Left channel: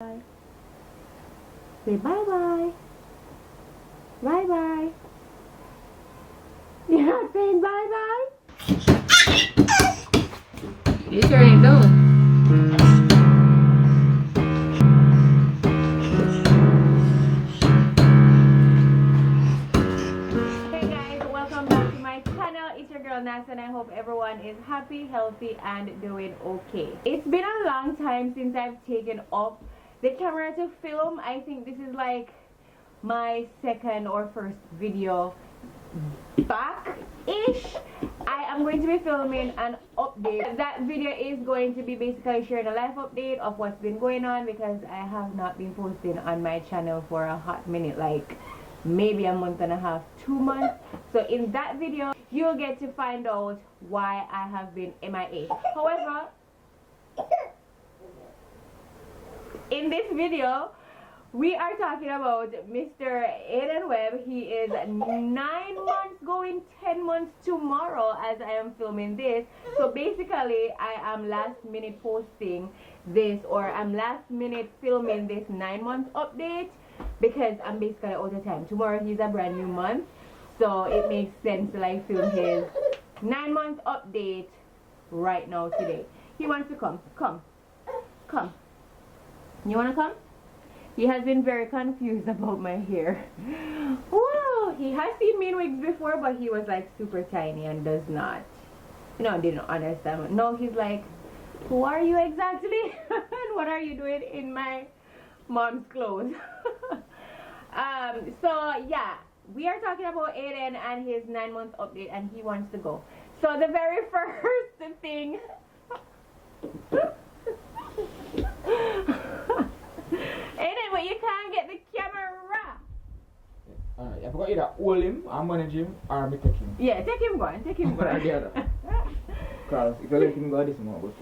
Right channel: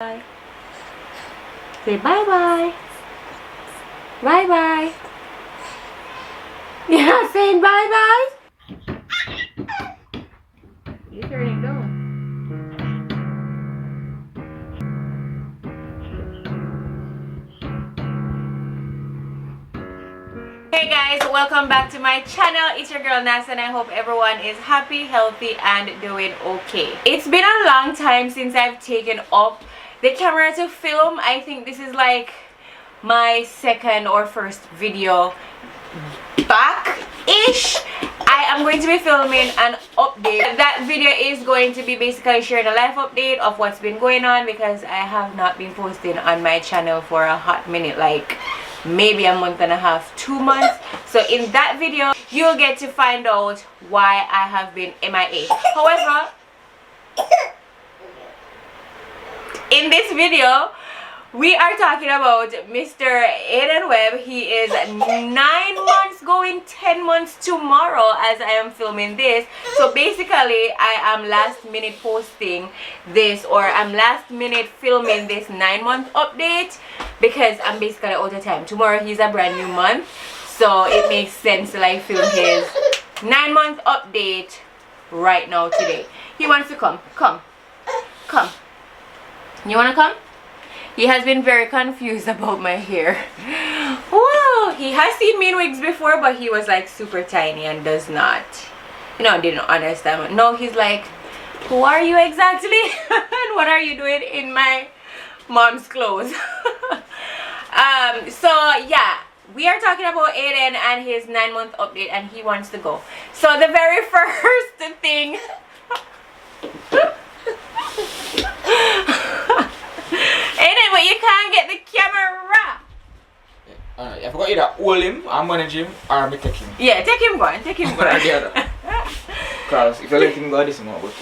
Bye. Say bye-bye. Bye-bye. You're not saying bye-bye? You turn it down. Hey guys, welcome back to my channel. It's your girl Nats and I hope everyone is happy, healthy and doing okay. It's been a long time since I've taken up the camera to film. I think this is like my second or first video back-ish. I am going to be filming an update. That video is going to be basically sharing a life update of what's been going on because I have not been posting on my channel for a hot minute, like maybe a month and a half, 2 months. So in that video you'll get to find out why I have been MIA. However, in this video we are talking about Mr. AIDEN'S Webb. He is 9 months going 10 months tomorrow as I am filming this. So basically I am last minute posting this, or I'm last minute filming this 9-month update because I'm basically out of time. Tomorrow he's a brand new month, so it makes sense to like film his 9-month update right now today. He wants to come. You wanna come? He has been very confused about my hair. Wow, he has seen me in wigs before, but he was like super tiny and does not, didn't understand. No, he's like, who are you exactly? And what are you doing in my mom's clothes? So yeah, we are talking about Aiden and his 9-month update, and he wants to go. So the very first thing Aiden, but you can't get the camera. I forgot either hold him, I'm gonna gym, or me take him. Yeah, take him going. Because if you let him go, this is more about it.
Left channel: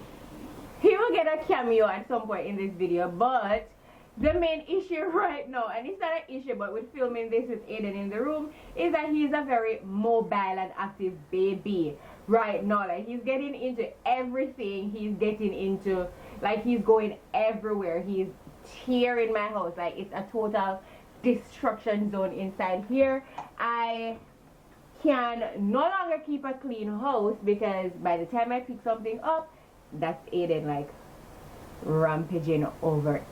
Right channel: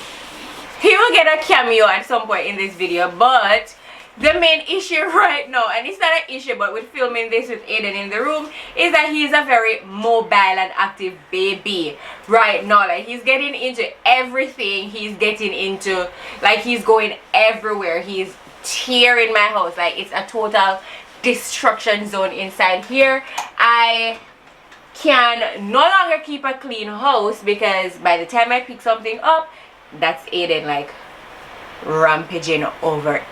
He will get a cameo at some point in this video, but the main issue right now, and it's not an issue, but with filming this with Aiden in the room, is that he's a very mobile and active baby right now. Like, he's getting into everything. He's getting into, like, he's going everywhere. He's tearing my house. Like, it's a total destruction zone inside here. I can no longer keep a clean house because by the time I pick something up, that's Aiden like rampaging over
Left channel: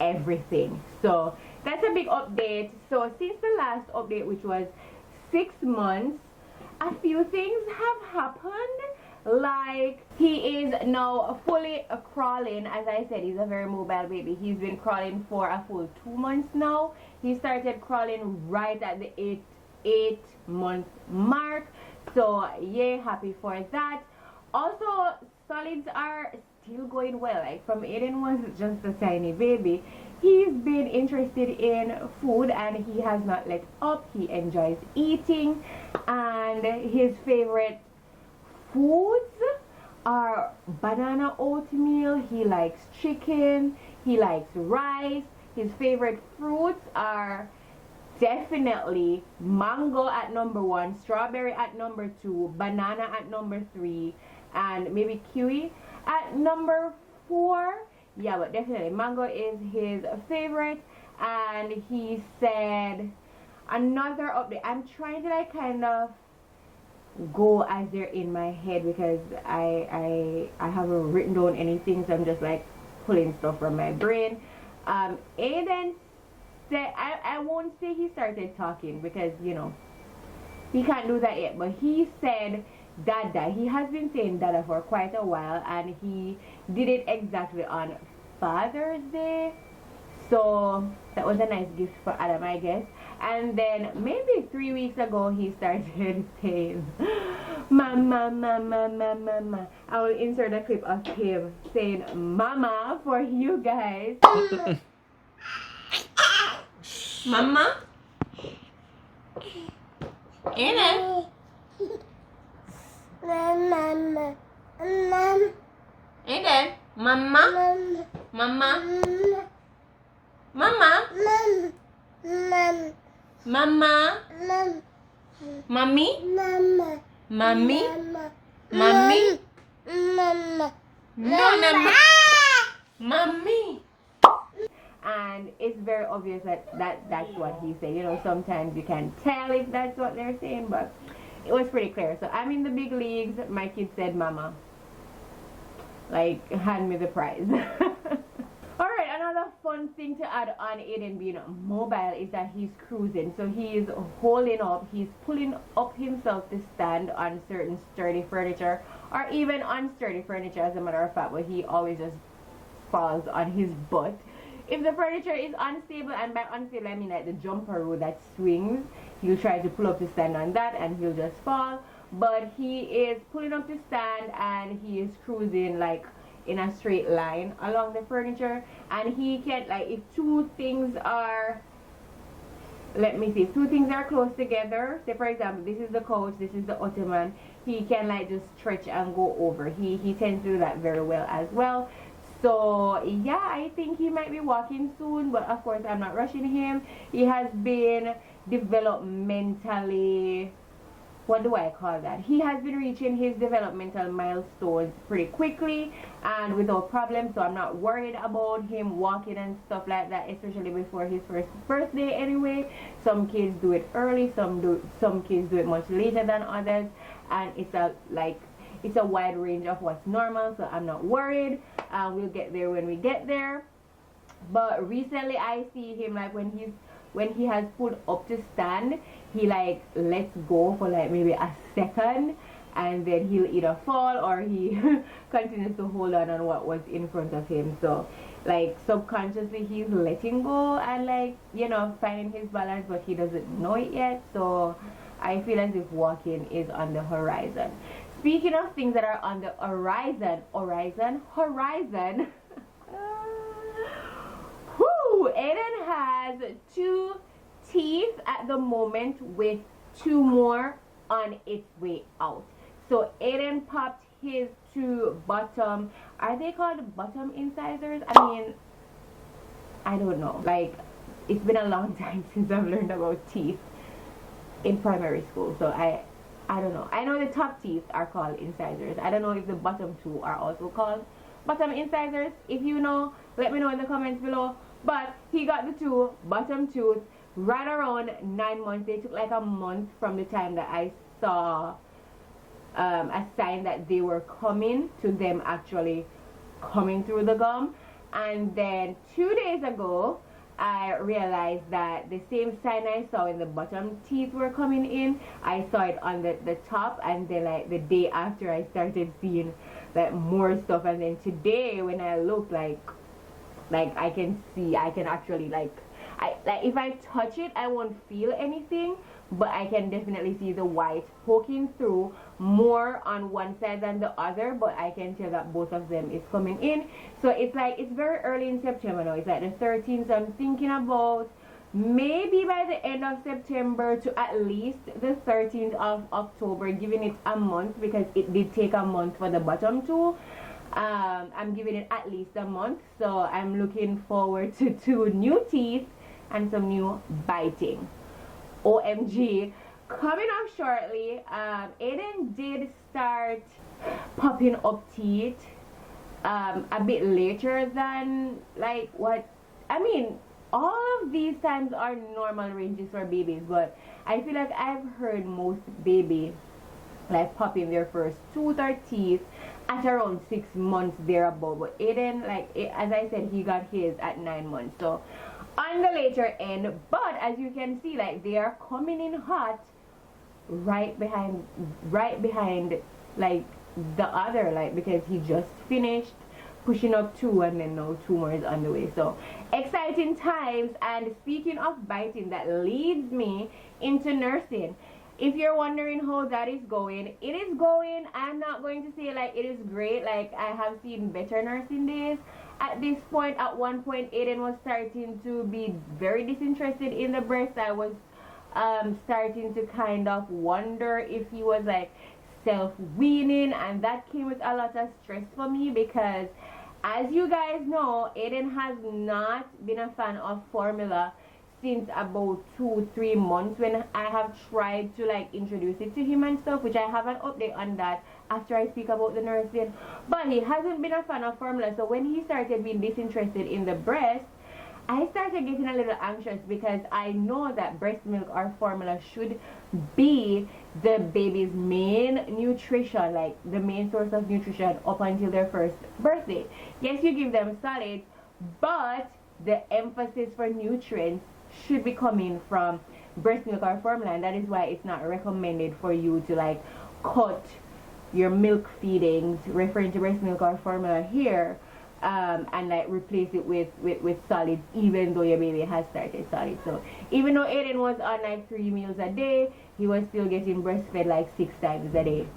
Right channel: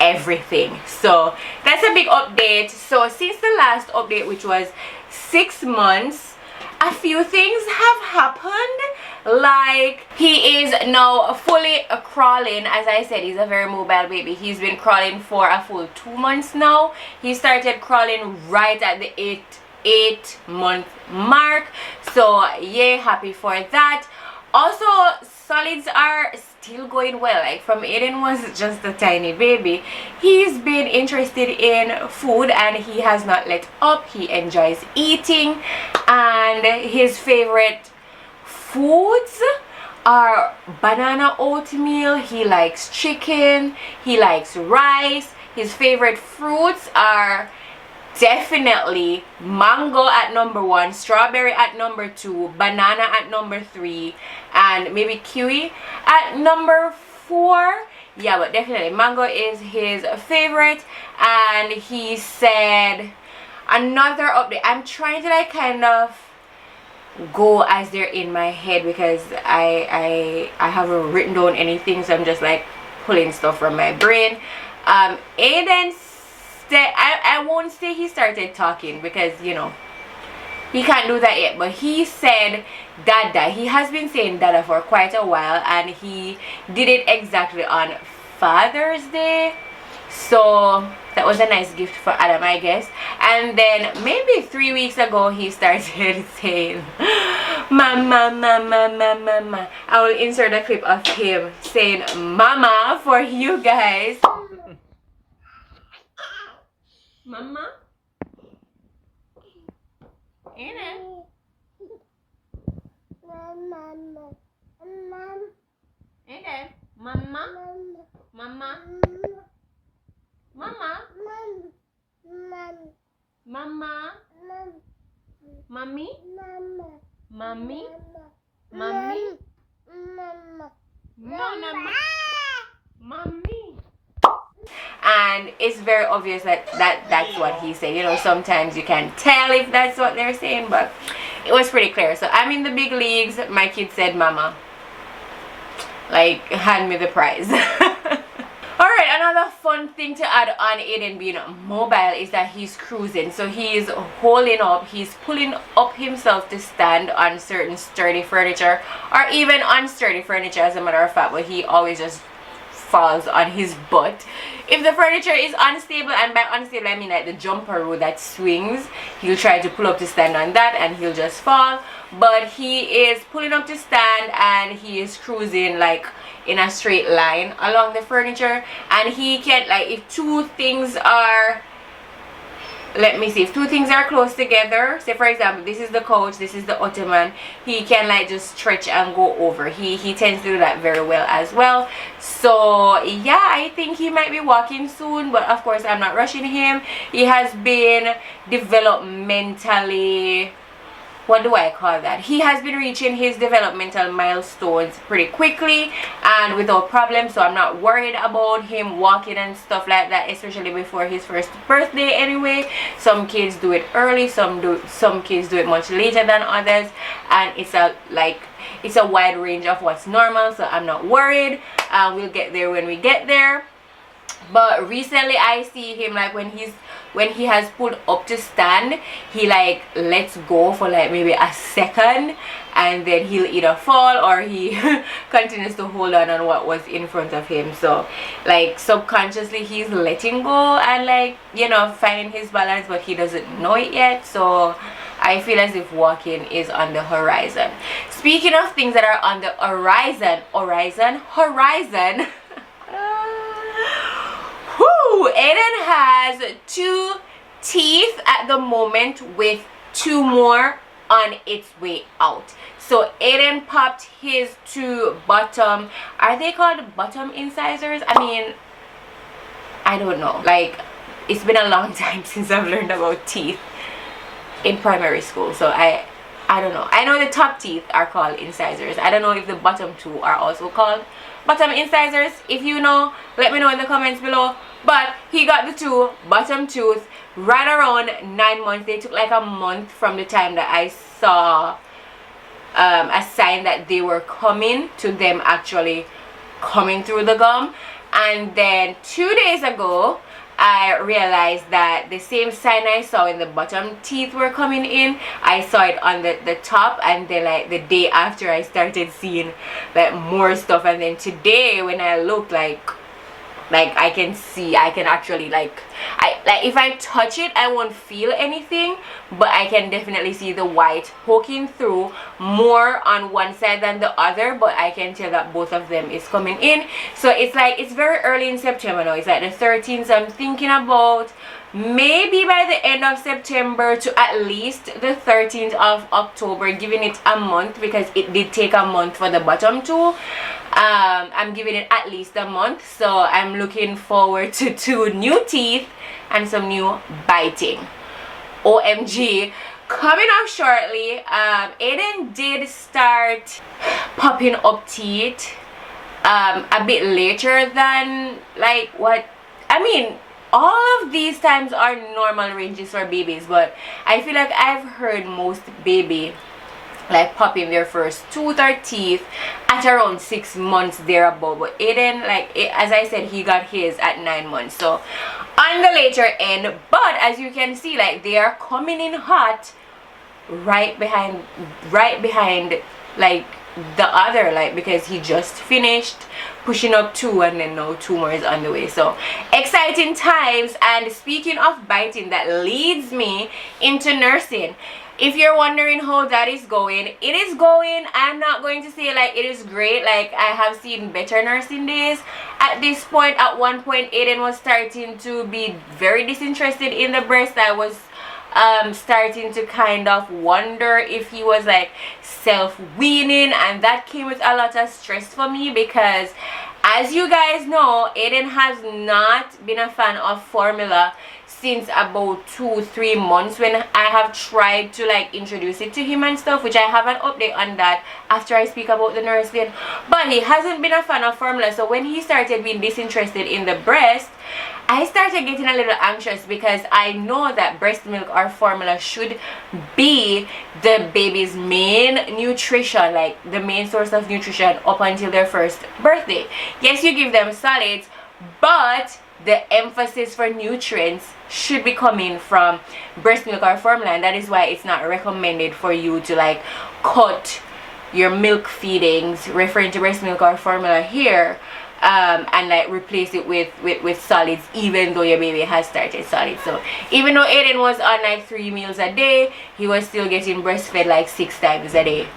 everything. So that's a big update. So since the last update, which was 6 months, a few things have happened. Like, he is now fully crawling. As I said, he's a very mobile baby. He's been crawling for a full 2 months now. He started crawling right at the 8-month mark, so yay, happy for that. Also, solids are still going well. Like, from Aiden was just a tiny baby, he's been interested in food and he has not let up. He enjoys eating, and his favorite foods are banana oatmeal. He likes chicken, he likes rice. His favorite fruits are definitely mango at number 1, strawberry at number 2, banana at number 3, and maybe kiwi at number 4. Yeah, but definitely mango is his favorite. And he said, another update, I'm trying to like kind of go as they're in my head because I haven't written down anything, so I'm just like pulling stuff from my brain. Aiden said, I won't say he started talking because he can't do that yet, but he said dada. He has been saying dada for quite a while, and he did it exactly on Father's Day, so that was a nice gift for Adam, I guess. And then maybe 3 weeks ago he started saying mama, mama, mama, mama. I will insert a clip of him saying mama for you guys. Mama? Aiden? Mama. Aiden? Mama? Mama? Mama? Mama? Mommy? Mommy? Mommy? No, no, mommy. and it's very obvious that that's what he said. You know, sometimes you can't tell if that's what they're saying, but it was pretty clear. So I'm in the big leagues. My kid said, "Mama, like, hand me the prize." Alright, another fun thing to add on Aiden being mobile is that he's cruising. So he's holding up, he's pulling up himself to stand on certain sturdy furniture, or even unsturdy furniture as a matter of fact, but he always just falls on his butt. If the furniture is unstable, and by unstable I mean like the jumper row that swings, he'll try to pull up to stand on that and he'll just fall. But he is pulling up to stand and he is cruising like in a straight line along the furniture, and he can, like, if two things are, let me see, if two things are close together, say for example this is the couch, this is the ottoman, he can like just stretch and go over. He tends to do that very well as well. So yeah, I think he might be walking soon, but of course I'm not rushing him. He has been developmentally, what do I call that? He has been reaching his developmental milestones pretty quickly and without problem, so I'm not worried about him walking and stuff like that, especially before his first birthday anyway. Some kids do it early, some kids do it much later than others, and it's a wide range of what's normal, so I'm not worried. We'll get there when we get there. But recently I see him, like, when he has pulled up to stand, he like lets go for like maybe a second, and then he'll either fall or he continues to hold on what was in front of him. So like subconsciously he's letting go and, like, you know, finding his balance, but he doesn't know it yet. So I feel as if walking is on the horizon. Speaking of things that are on the horizon. Aiden has 2 teeth at the moment, with 2 more on its way out. So Aiden popped his 2 bottom, are they called bottom incisors? I mean, I don't know, like, it's been a long time since I've learned about teeth in primary school, so I don't know. I know the top teeth are called incisors. I don't know if the bottom 2 are also called bottom incisors. If you know, let me know in the comments below. But he got the 2 bottom tooth right around 9 months. They took like a month from the time that I saw a sign that they were coming to them actually coming through the gum. And then 2 days ago I realized that the same sign I saw when the bottom teeth were coming in, I saw it on the top. And then like the day after I started seeing like more stuff, and then today when I looked, like I can see, I can actually like if I touch it I won't feel anything, but I can definitely see the white poking through more on one side than the other, but I can tell that both of them is coming in. So it's like, it's very early in September now, it's like the 13th, so I'm thinking about maybe by the end of September to at least the 13th of October, giving it a month, because it did take a month for the bottom 2. I'm giving it at least a month, so I'm looking forward to 2 new teeth and some new biting. OMG, coming up shortly. Aiden did start popping up teeth a bit later than like what I mean. All of these times are normal ranges for babies, but I feel like I've heard most baby like popping their first tooth or teeth at around 6 months thereabout. But Aiden, like, as I said, he got his at 9 months, so on the later end. But as you can see, like, they are coming in hot right behind like the other, like, because he just finished pushing up 2 and then now 2 more is on the way. So exciting times. And speaking of biting, that leads me into nursing. If you're wondering how that is going, it is going. I'm not going to say like it is great. Like, I have seen better nursing days. At this point, at one point, Aiden was starting to be very disinterested in the breast. I was starting to kind of wonder if he was like self-weaning, and that came with a lot of stress for me, because as you guys know, Aiden has not been a fan of formula since about 2-3 months, when I have tried to like introduce it to him and stuff, which I have an update on that after I speak about the nursing. But he hasn't been a fan of formula, so when he started being disinterested in the breast, I started getting a little anxious because I know that breast milk or formula should be the baby's main nutrition, like the main source of nutrition up until their first birthday. Yes, you give them solids, but the emphasis for nutrients should be coming from breast milk or formula, and that is why it's not recommended for you to like cut your milk feedings, referring to breast milk or formula here, and like replace it with solids, even though your baby has started solids. So even though Aiden was on like 3 meals a day, he was still getting breastfed like 6 times a day.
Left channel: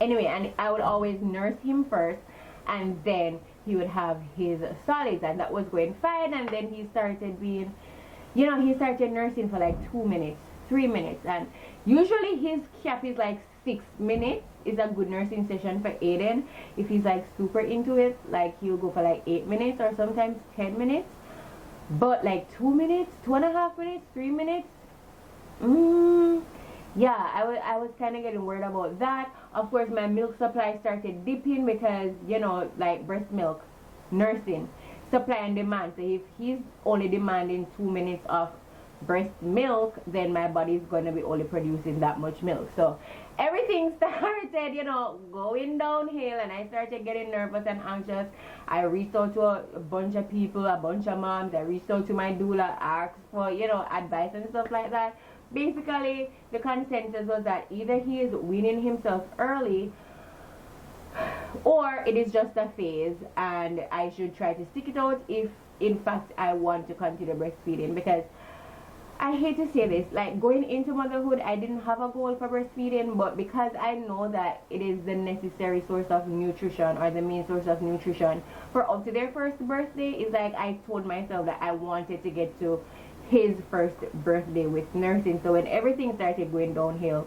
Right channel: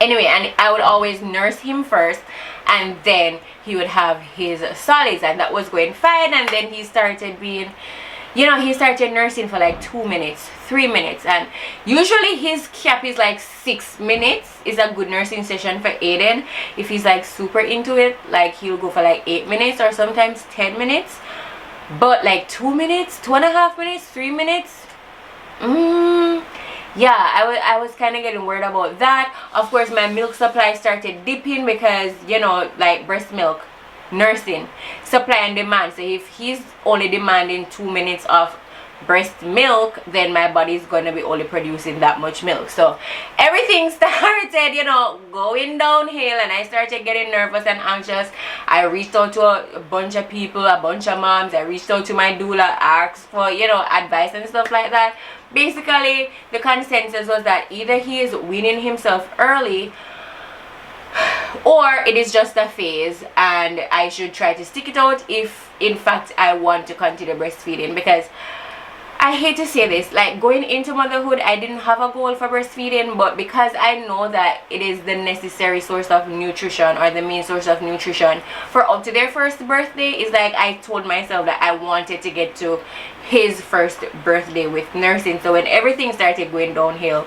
Anyway, and I would always nurse him first, and then he would have his solids, and that was going fine. And then he started being, you know, he started nursing for like 2 minutes, 3 minutes, and usually his cap is like 6 minutes is a good nursing session for Aiden. If he's like super into it, like he'll go for like 8 minutes or sometimes 10 minutes. But like 2 minutes, 2.5 minutes, 3 minutes, yeah, I was kind of getting worried about that. Of course, my milk supply started dipping because, you know, like breast milk, nursing, supply and demand. So if he's only demanding 2 minutes of breast milk, then my body's gonna be only producing that much milk. So everything started, you know, going downhill, and I started getting nervous and anxious. I reached out to a bunch of people, a bunch of moms. I reached out to my doula, asked for, you know, advice and stuff like that. Basically, the consensus was that either he is weaning himself early, or it is just a phase, and I should try to stick it out if in fact I want to continue breastfeeding. Because I hate to say this, like going into motherhood, I didn't have a goal for breastfeeding, but because I know that it is the necessary source of nutrition, or the main source of nutrition for up to their first birthday, is like I told myself that I wanted to get to his first birthday with nursing. So when everything started going downhill,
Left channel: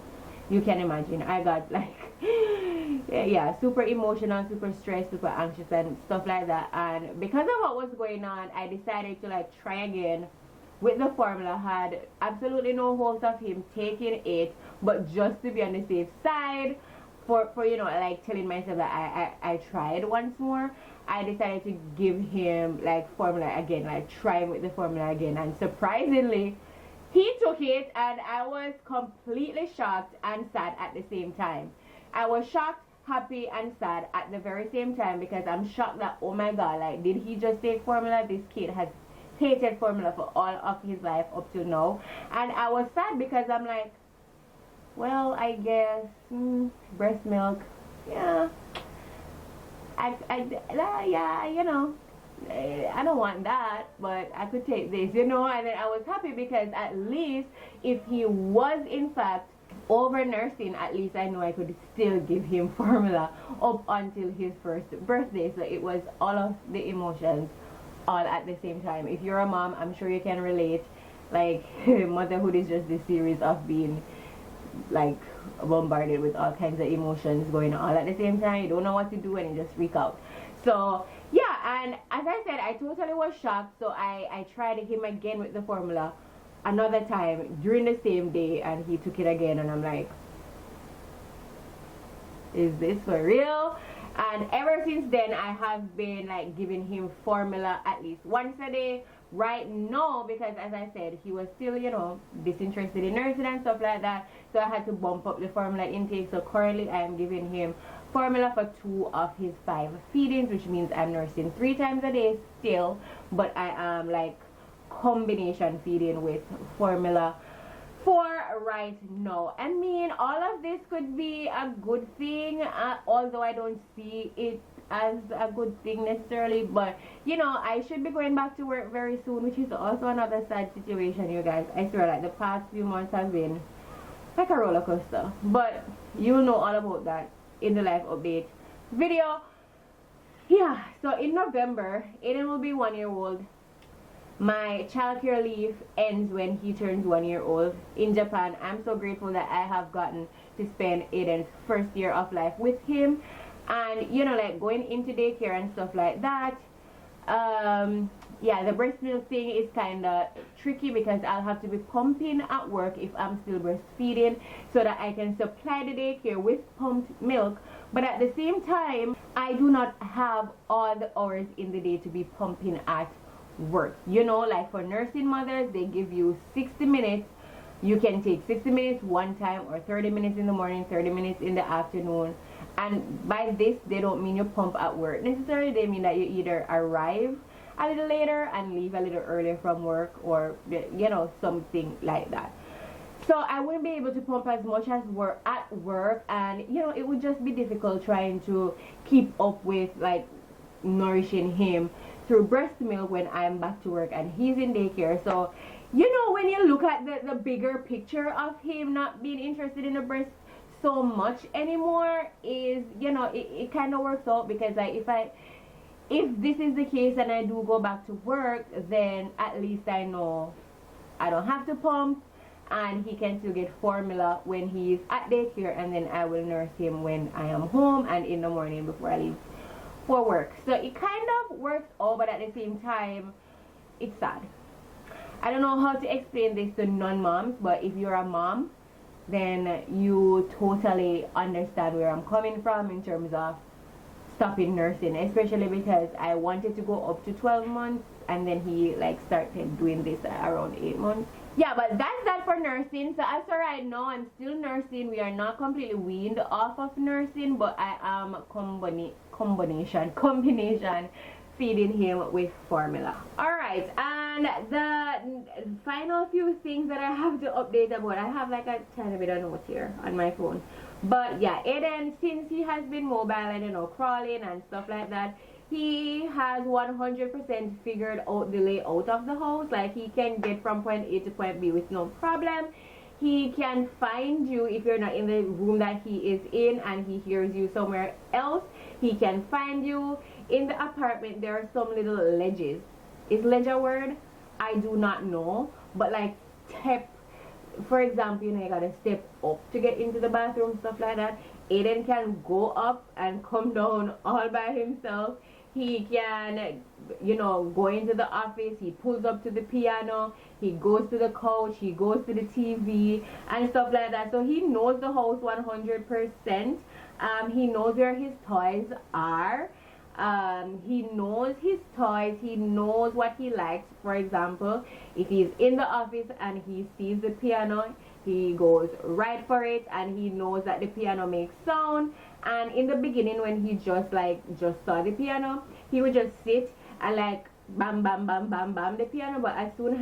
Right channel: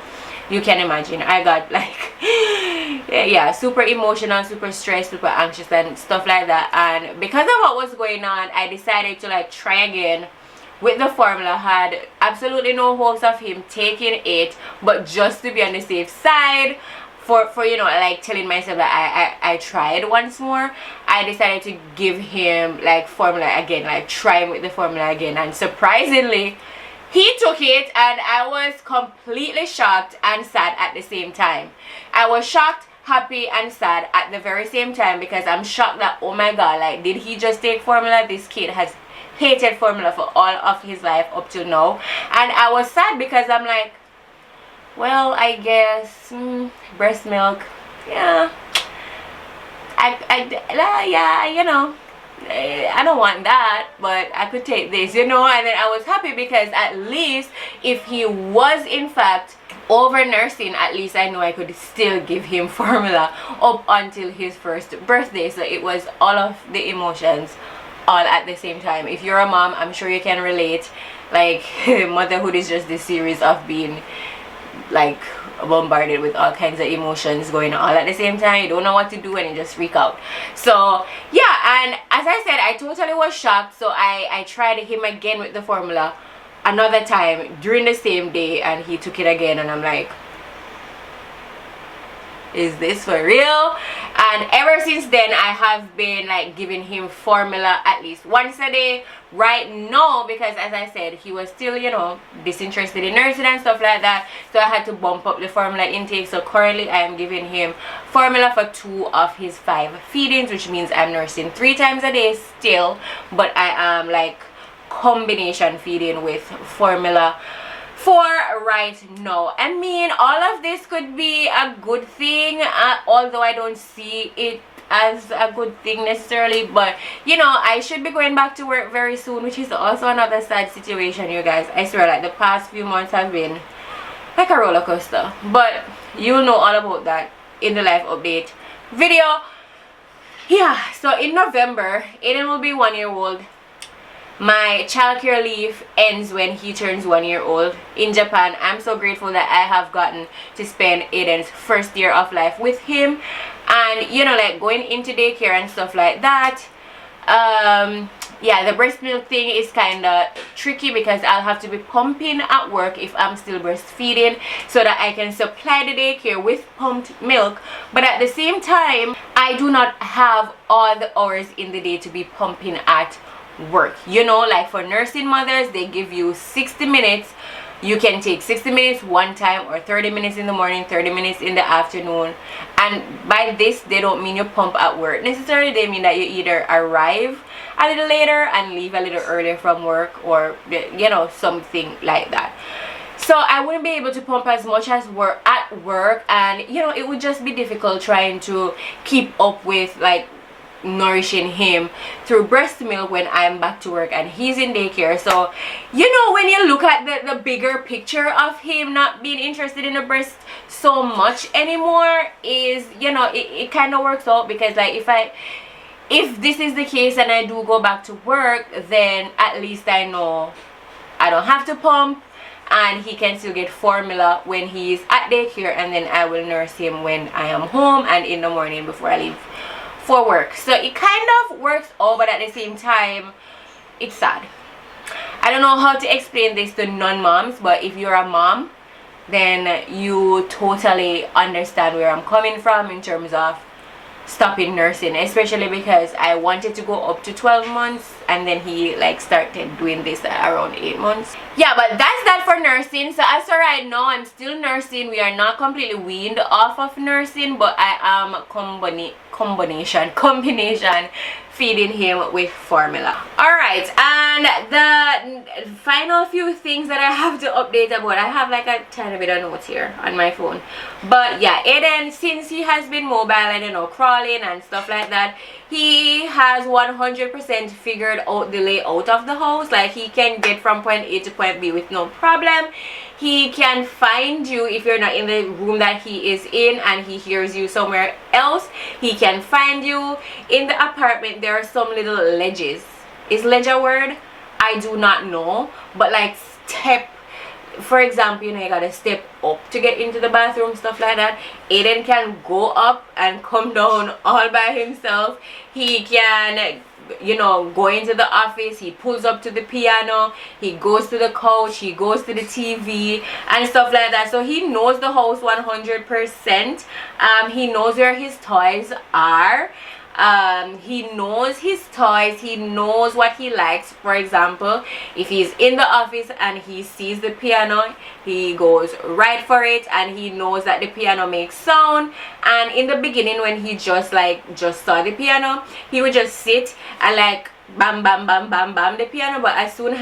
you can imagine I got like yeah, super emotional, super stressed, super anxious and stuff like that. And because of what was going on, I decided to like try again with the formula. Had absolutely no hopes of him taking it, but just to be on the safe side, for you know, like telling myself that I tried once more, I decided to give him like formula again, like try him with the formula again. And surprisingly, he took it, and I was completely shocked and sad at the same time. I was shocked, happy and sad at the very same time, because I'm shocked that, oh my god, like did he just take formula? This kid has hated formula for all of his life up till now. And I was sad because I'm like, well, I guess breast milk, yeah, yeah, you know, I don't want that, but I could take this, you know. And then I was happy because at least if he was in fact over nursing, at least I know I could still give him formula up until his first birthday. So it was all of the emotions all at the same time. If you're a mom, I'm sure you can relate. Like motherhood is just this series of being like bombarded with all kinds of emotions going on all at the same time. You don't know what to do and you just freak out. So yeah, and as I said, I totally was shocked. So I tried him again with the formula another time during the same day, and he took it again, and I'm like, is this for real? And ever since then I have been like giving him formula at least once a day right now, because as I said, he was still, you know, disinterested in nursing and stuff like that. So I had to bump up the formula intake. So currently I am giving him formula for 2 of his 5 feedings, which means I'm nursing 3 times a day still, but I am like combination feeding with formula for right now. I mean, all of this could be a good thing, although I don't see it as a good thing necessarily. But you know, I should be going back to work very soon, which is also another sad situation, you guys. I swear, like the past few months have been like a roller coaster, but you'll know all about that in the life update video. Yeah, so in November Aiden will be 1 year old. My childcare leave ends when he turns 1 year old in Japan. I'm so grateful that I have gotten to spend Aiden's first year of life with him, and you know, like going into daycare and stuff like that. Yeah, the breast milk thing is kind of tricky because I'll have to be pumping at work if I'm still breastfeeding, so that I can supply the daycare with pumped milk. But at the same time, I do not have all the hours in the day to be pumping at work. You know, like for nursing mothers, they give you 60 minutes. You can take 60 minutes one time, or 30 minutes in the morning, 30 minutes in the afternoon. And by this, they don't mean you pump at work necessarily. They mean that you either arrive a little later and leave a little earlier from work, or you know, something like that. So I wouldn't be able to pump as much as at work, and you know, it would just be difficult trying to keep up with like nourishing him through breast milk when I'm back to work and he's in daycare. So you know, when you look at the bigger picture of him not being interested in the breast so much anymore, is, you know, it kind of works out, because like if this is the case and I do go back to work, then at least I know I don't have to pump, and he can still get formula when he's at daycare, and then I will nurse him when I am home and in the morning before I leave for work. So it kind of works out, but at the same time, it's sad. I don't know how to explain this to non-moms, but if you're a mom, then you totally understand where I'm coming from in terms of stopping nursing, especially because I wanted to go up to 12 months, and then he like started doing this at around 8 months. Yeah, but that's that for nursing. So as for right now, I'm still nursing. We are not completely weaned off of nursing, but I am combination feeding him with formula. All right, and the final few things that I have to update about, I have like a tiny bit of notes here on my phone. But yeah, Aiden, since he has been mobile and, you know, crawling and stuff like that, he has 100% figured out the layout of the house. Like, he can get from point A to point B with no problem. He can find you if you're not in the room that he is in and he hears you somewhere else. He can find you. In the apartment, there are some little ledges. Is ledge a word? I do not know. But like step, for example, you know, you gotta step up to get into the bathroom, stuff like that. Aiden can go up and come down all by himself. He can, you know, go into the office, he pulls up to the piano, he goes to the couch, he goes to the TV and stuff like that. So he knows the house 100%. He knows where his toys are. He knows his toys, he knows what he likes. For example, if he's in the office and he sees the piano, he goes right for it, and he knows that the piano makes sound. And in the beginning, when he just saw the piano, he would just sit and like bam bam bam bam bam the piano. But as soon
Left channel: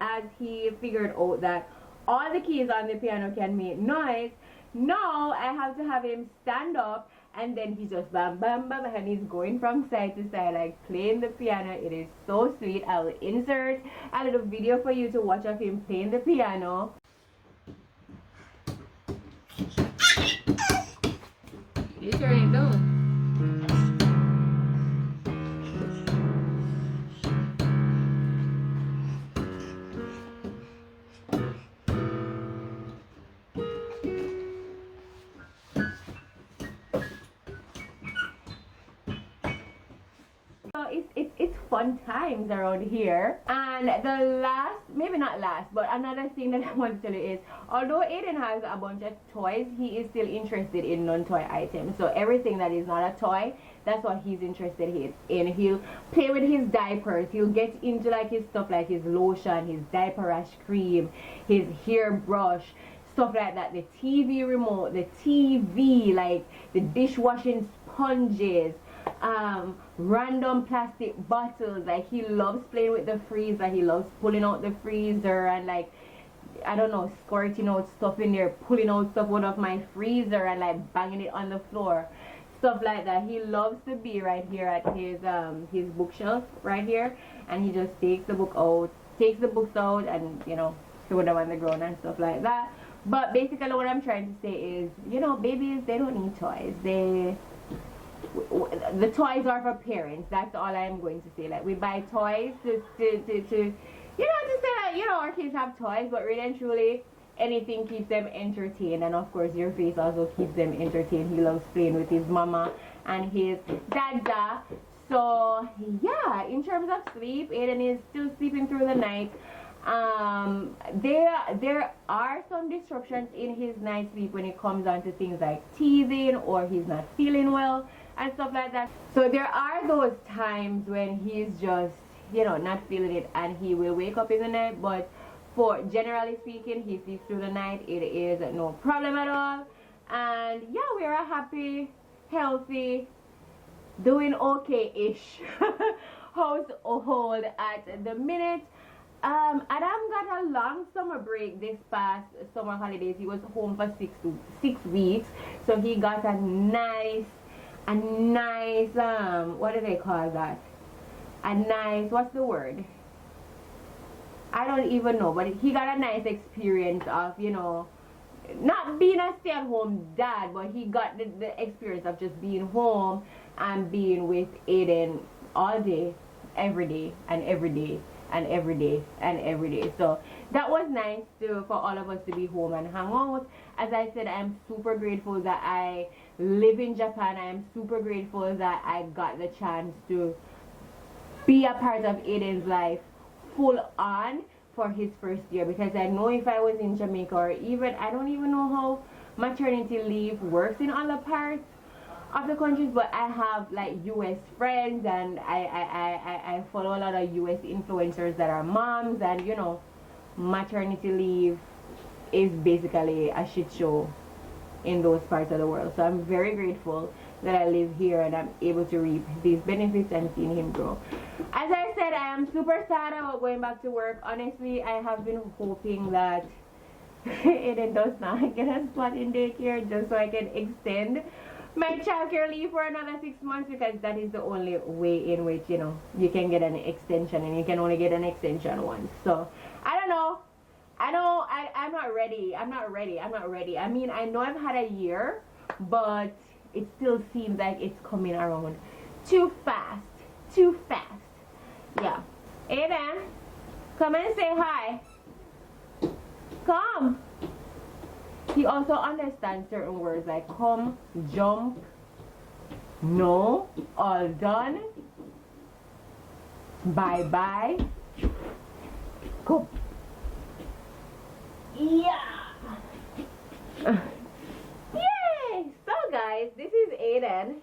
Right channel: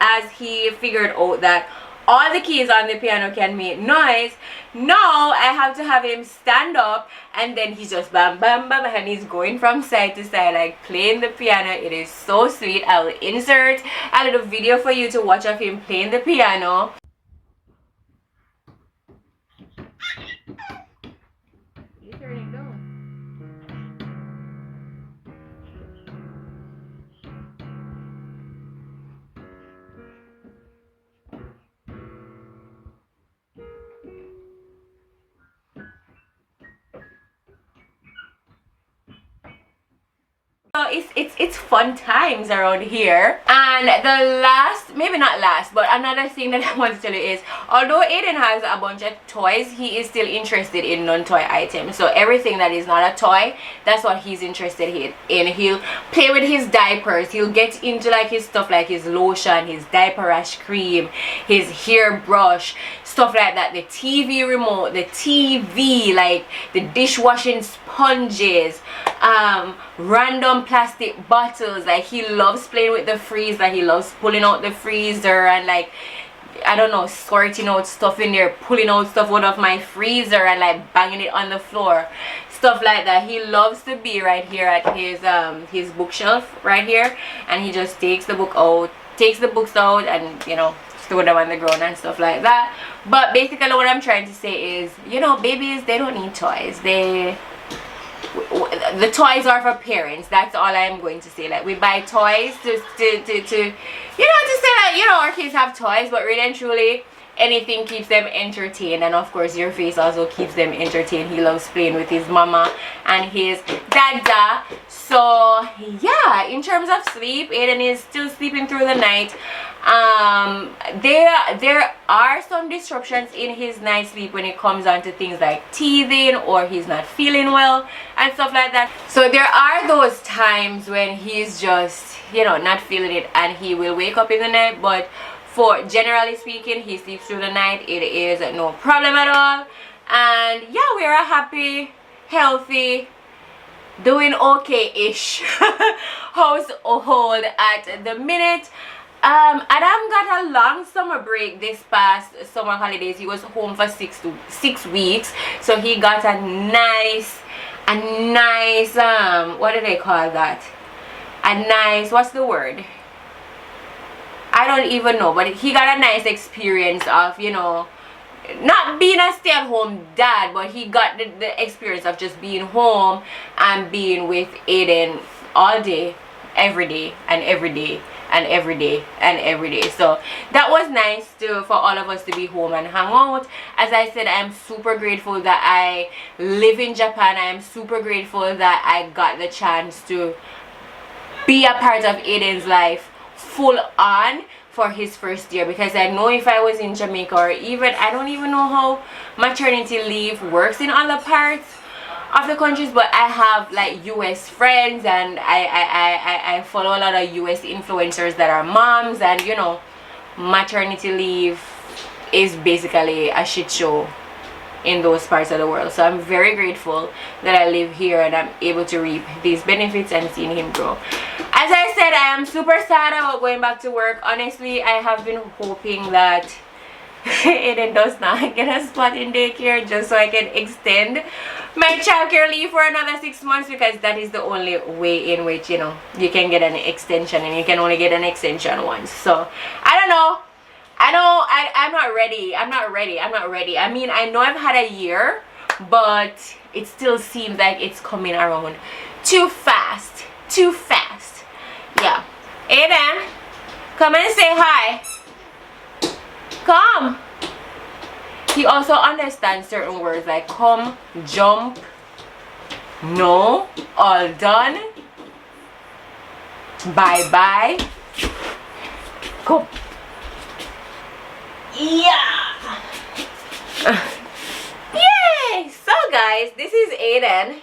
as he figured out that all the keys on the piano can make noise, now I have to have him stand up, and then he's just bam bam bam, and he's going from side to side like playing the piano. It is so sweet. I will insert a little video for you to watch of him playing the piano. You turn it down. So it's fun times around here. And the last, maybe not last, but another thing that I want to tell you is, although Aiden has a bunch of toys, he is still interested in non-toy items. So everything that is not a toy, that's what he's interested in. He'll play with his diapers, he'll get into like his stuff like his lotion, his diaper rash cream, his hair brush, stuff like that, the TV remote, the TV, like the dishwashing sponges, random plastic bottles. Like, he loves playing with the freezer, he loves pulling out the freezer and like, I don't know, squirting out stuff in there, pulling out stuff out of my freezer and like banging it on the floor, stuff like that. He loves to be right here at his bookshelf right here, and he just takes the books out and, you know, throw them on the ground and stuff like that. But basically what I'm trying to say is, you know, babies, they don't need toys. The toys are for parents. That's all I'm going to say. Like, we buy toys to you know, to say that, you know, our kids have toys, but really and truly, anything keeps them entertained. And of course, your face also keeps them entertained. He loves playing with his mama and his dada. So yeah, in terms of sleep, Aiden is still sleeping through the night. There are some disruptions in his night sleep when it comes on to things like teething, or he's not feeling well and stuff like that. So there are those times when he's just you know, not feeling it, and he will wake up in the night. But for generally speaking, he sleeps through the night. It is no problem at all. And yeah, we are a happy, healthy, doing okay-ish household at the minute. Adam got a long summer break this past summer holidays. He was home for 6 weeks, so he got a nice what do they call that, a nice, what's the word, I don't even know, but he got a nice experience of, you know, not being a stay-at-home dad, but he got the experience of just being home and being with Aiden all day, every day, and every day, and every day, and every day. So that was nice for all of us to be home and hang out. As I said, I am super grateful that I live in Japan. I am super grateful that I got the chance to be a part of Aiden's life full on for his first year, because I know if I was in Jamaica, or even, I don't even know how maternity leave works in other parts of the countries, but I have like US friends, and I follow a lot of US influencers that are moms, and you know, maternity leave is basically a shit show in those parts of the world. So I'm very grateful that I live here and I'm able to reap these benefits and seeing him grow. As I said, I am super sad about going back to work. Honestly, I have been hoping that Aiden does not get a spot in daycare, just so I can extend my childcare leave for another 6 months, because that is the only way in which, you know, you can get an extension, and you can only get an extension once. So I don't know. I'm not ready. I mean, I know I've had a year, but it still seems like it's coming around too fast. Yeah. Aiden, come and say hi. Come. He also understands certain words like come, jump, no, all done, bye-bye, come. Yeah. Yay. So guys, this is Aiden.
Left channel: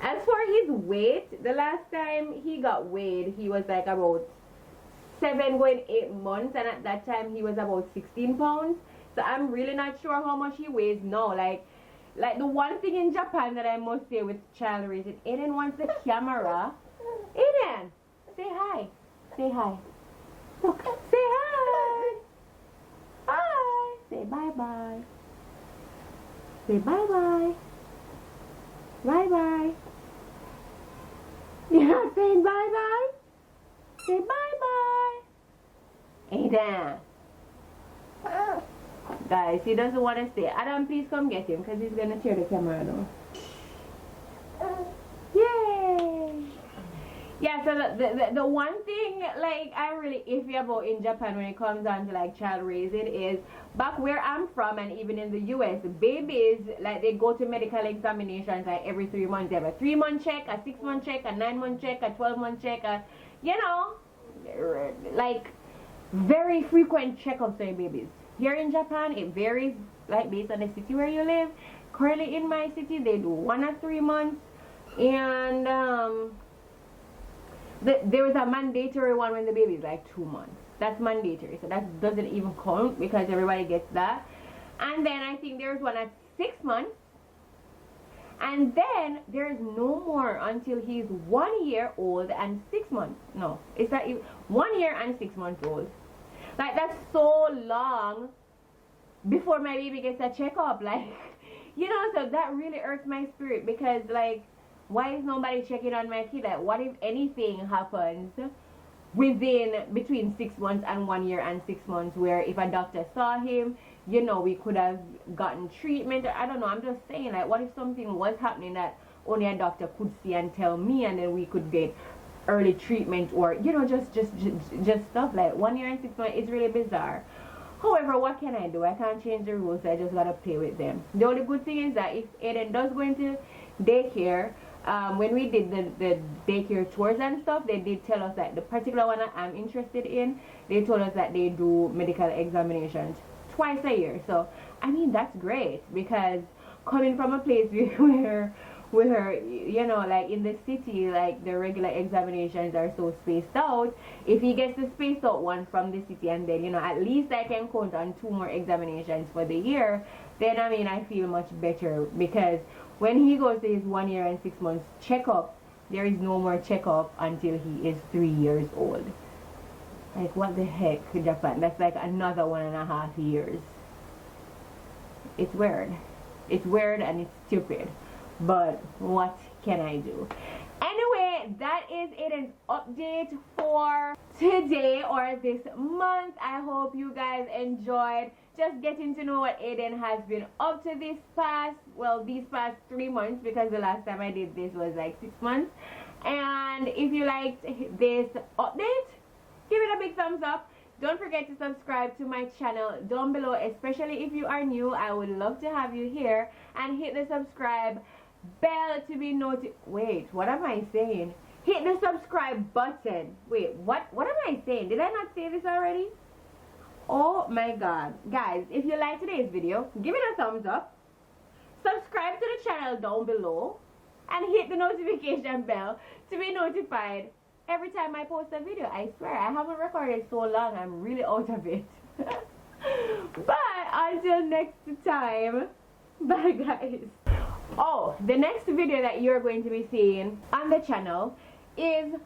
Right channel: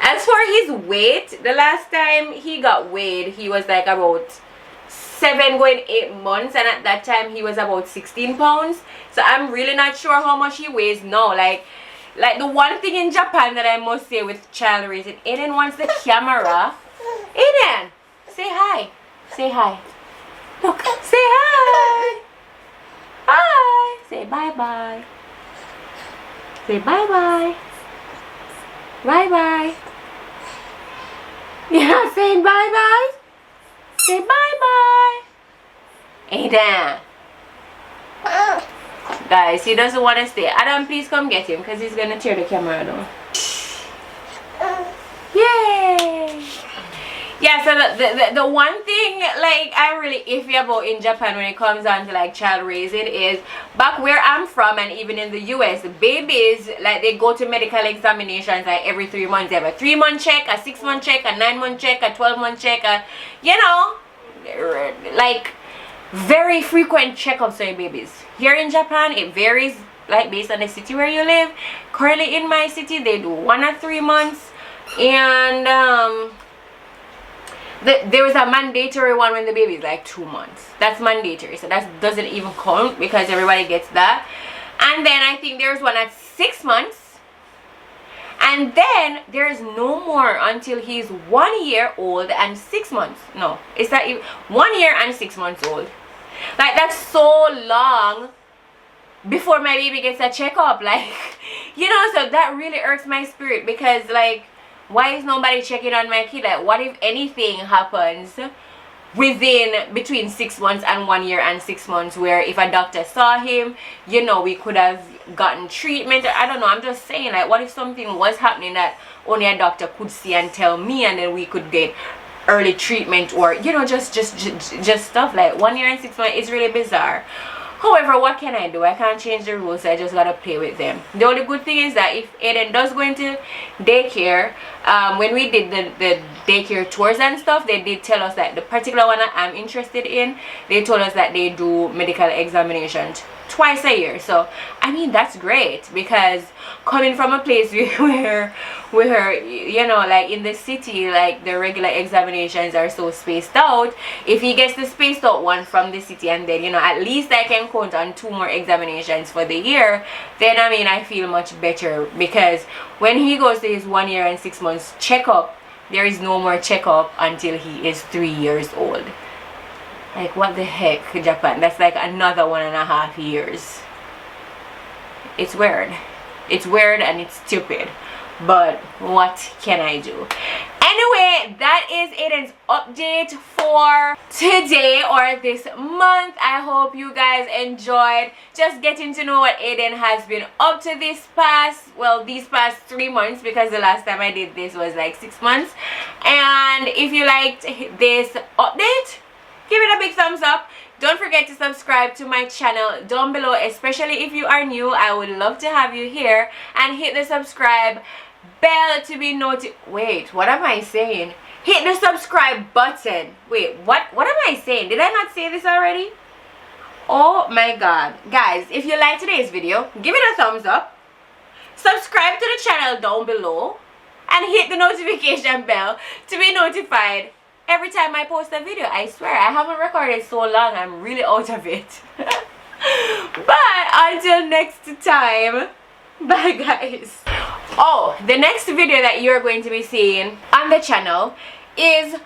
As for his weight, the last time he got weighed, he was like about 7 going 8 months, and at that time he was about 16 pounds. So I'm really not sure how much he weighs now. Like the one thing in Japan that I must say with child raising, Aiden wants the camera. Aiden, say hi. Say hi. Look, say hi. Hi. Say bye-bye. Say bye-bye. Bye-bye. You're not saying bye-bye? Say bye-bye. Aiden. Guys, he doesn't want to stay. Adam, please come get him, because he's going to tear the camera down. Yay. Yeah, so the one thing like I'm really iffy about in Japan when it comes down to like child raising is, back where I'm from and even in the US, babies, like, they go to medical examinations like every 3 months. They have a 3-month check, a 6-month check, a 9-month check, a 12-month check, you know, like very frequent checkups for babies. Here in Japan, it varies like based on the city where you live. Currently in my city, they do 1 or 3 months, and there is a mandatory one when the baby is like 2 months. That's mandatory, so that doesn't even count because everybody gets that. And then I think there's one at 6 months, and then there's no more until he's 1 year old and 6 months. No, it's that 1 year and 6 months old. Like, that's so long before my baby gets a checkup, like, you know. So that really irks my spirit, because like, why is nobody checking on my kid? Like, what if anything happens between 6 months and 1 year and 6 months, where if a doctor saw him, you know, we could have gotten treatment? I don't know, I'm just saying, like, what if something was happening that only a doctor could see and tell me, and then we could get early treatment, or, you know, just stuff like 1 year and 6 months. It's really bizarre. However, what can I do? I can't change the rules, so I just gotta play with them. The only good thing is that if Aiden does go into daycare, when we did the daycare tours and stuff, they did tell us that the particular one that I'm interested in, they told us that they do medical examinations twice a year. So I mean, that's great, because coming from a place where you know, like in the city, like the regular examinations are so spaced out, if he gets the spaced out one from the city, and then, you know, at least I can count on 2 more examinations for the year, then I mean, I feel much better. Because when he goes to his 1 year and 6 months checkup, there is no more checkup until he is 3 years old. Like, what the heck, Japan? That's like another 1.5 years. It's weird. It's weird and it's stupid. But what can I do? Anyway, that is Aiden's update for today, or this month. I hope you guys enjoyed just getting to know what Aiden has been up to these past 3 months, because the last time I did this was like 6 months. And if you liked this update, give it a big thumbs up. Don't forget to subscribe to my channel down below, especially if you are new. I would love to have you here. And hit the subscribe bell to be notified. Wait, what am I saying? Hit the subscribe button. Wait, what am I saying? Did I not say this already? Oh my god. Guys, if you like today's video, give it a thumbs up. Subscribe to the channel down below. And hit the notification bell to be notified every time I post a video. I swear, I haven't recorded so long. I'm really out of it. But until next time, bye guys. Oh, the next video that you're going to be seeing on the channel is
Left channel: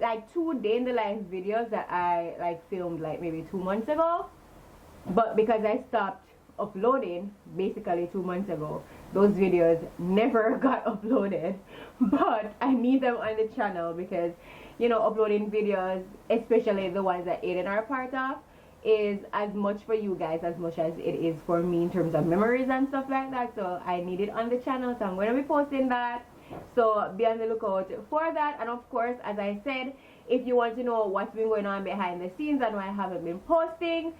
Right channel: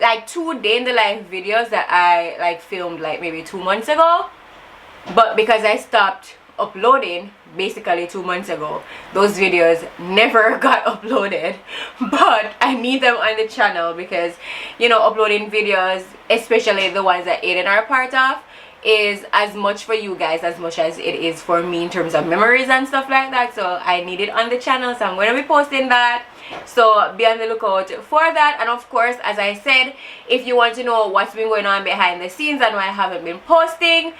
like 2 day in the life videos that I like filmed like maybe 2 months ago. But because I stopped uploading basically 2 months ago, those videos never got uploaded. But I need them on the channel, because, you know, uploading videos, especially the ones that Aiden are a part of, is as much for you guys as much as it is for me in terms of memories and stuff like that. So I need it on the channel, so I'm going to be posting that. So be on the lookout for that. And of course, as I said, if you want to know what's been going on behind the scenes and why I haven't been posting,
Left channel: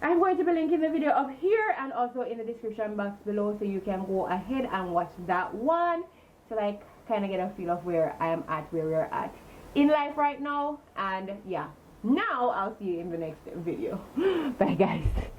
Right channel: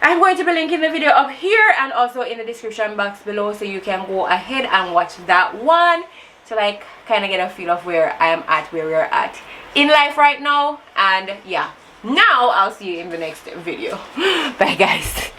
I'm going to be linking the video up here and also in the description box below, so you can go ahead and watch that one to like kind of get a feel of where I am at, where we're at in life right now. And yeah, now I'll see you in the next video. Bye guys.